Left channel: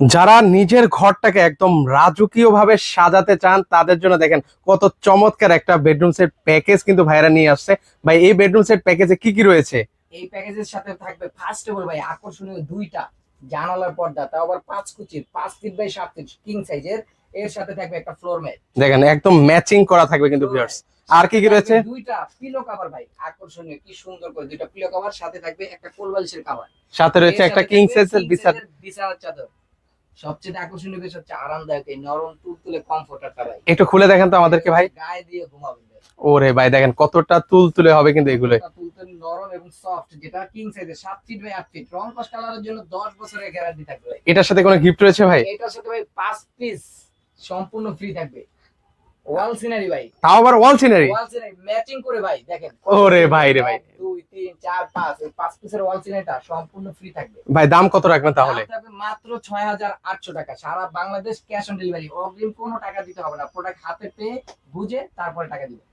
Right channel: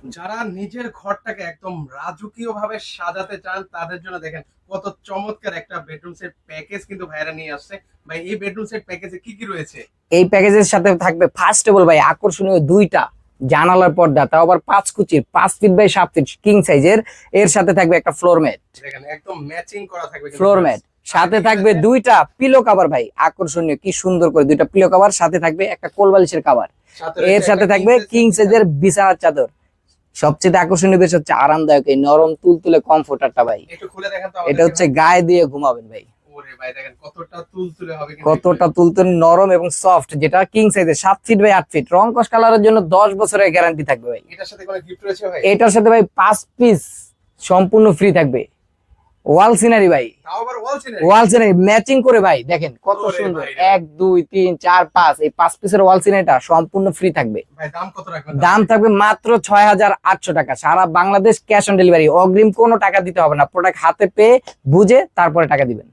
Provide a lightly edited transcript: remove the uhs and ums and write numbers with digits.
যারা নিজের ঘরটাকে একদম রাজকীয় ভাবে সাজাতে চান তাদের জন্য দেখেন কত চমৎকার একটা বেডরুম সেট প্যাকেজ কিন্তু ভাইরা নিয়ে আসছে। ভাই এই বেডরুম সেট প্যাকেজে কি কি রয়েছে? এই প্যাকেজের সাথে থাকবে ফার্স্ট অফ অল ভাই আকর্ষণীয় দুইটা জানালার পর্দা, তাও আবার 5 কুচির, 5 ফিট বাই 7 ফিট কিং সাইজের। এর সাথে থাকবে একটা ফ্লোর ম্যাট। দেখেন একদম ম্যাচিং করা থাকবে কিন্তু ফ্লোর viewers। ম্যাট আর সাথে কি কি থাকবে রয়েছে? দুইটা পিলো কভার ভাই, আকর্ষণীয় কি সুন্দর করে দুইটা পিলো কভার, সাথে থাকবে একটা কোলবালিশের কভার। সাথে এর রয়েছে একটা সাথে কিং থাকবে সাইজের কিং সাইজের বিছানার চাদর। সবচেয়ে আকর্ষণীয় বিষয় হচ্ছে আরামদায়ক এই নরম তুলতুলে কমফোর্টারটা ভাই। একটু খুলে দেখেন তো এটা আমাদেরকে হচ্ছে ভাই। গায়ে দিয়ে ঘুমাবেন ভাই। ওরে ভাই দেখেন কতটা তুলতুলে হবে কিন্তু এগুলো। কতটা তুলতুলে নরম এবং সফট, যেটা কিং সাইজের 7 ফিট বাই 8 ফিট। রং কস কালারের জন্য 10 বছরের গ্যারান্টি থাকবে ভাই। এটার সাথে কোনো গিফট রয়েছে ভাই? এটার সাথে ভাই 5 পিস সম্পূর্ণ ফ্রি থাকবে ওয়াল সিনারি ভাই। তাও আবার ওয়াল সিনারি? ওয়াল সিনারি ম্যাচিং করে ভাই, দেখেন কত ওরে সুন্দর। ভাই রে ভাই। 1 2 3 4 5 এই 5 পিসের ওয়াল সিনারিটা সম্পূর্ণ ফ্রি থাকবে। ভাই দাম কত রাখবেন তাহলে? দাম থাকবে মাত্র 6,800 টাকা, সারা বাংলাদেশ ক্যাশ অন ডেলিভারি। অগ্রিম কোনো টাকা দিতে হবে না, প্রোডাক্ট হাতে পেয়ে বুঝে তারপরে টাকা দিবেন।